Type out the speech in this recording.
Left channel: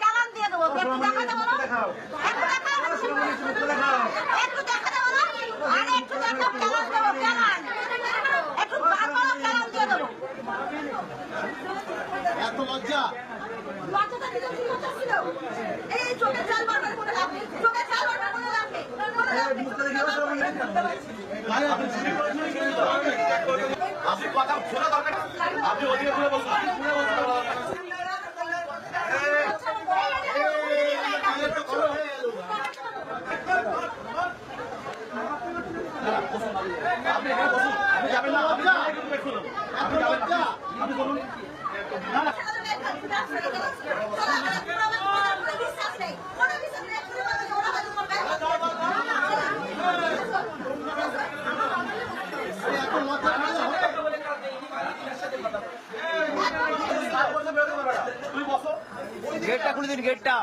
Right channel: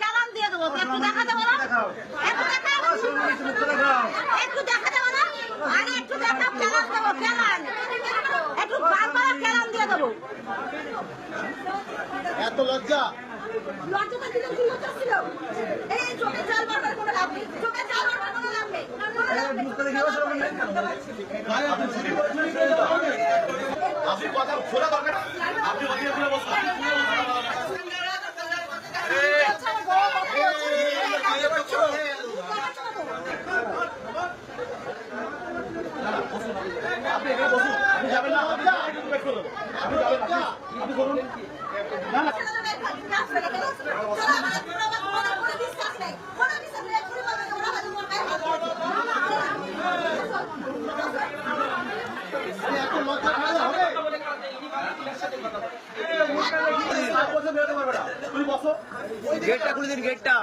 চালান দিয়ে দেবো, একটু দেখা দেবো না, একটু দেখা দেবো না, আরে একটু দেখা চালান দেবো, চালান একটু বারবার চালান দিয়ে দেবো। এত লজ্জা লজ্জাটা দিতে কি লজ্জা ছিল? এই চোখে জল বারবার করে লাগবে, চোখে জল বারবার করে লাগবে। আপনি কথা খোলা দরকার, আপনি অধিকার করে বসুন। আপনি যাবেন না, আপনি যাবেন না, আপনি বলুন না। এখন লজ্জা খাওয়া হবে, গেটটা খুলে দিন, গেটটা।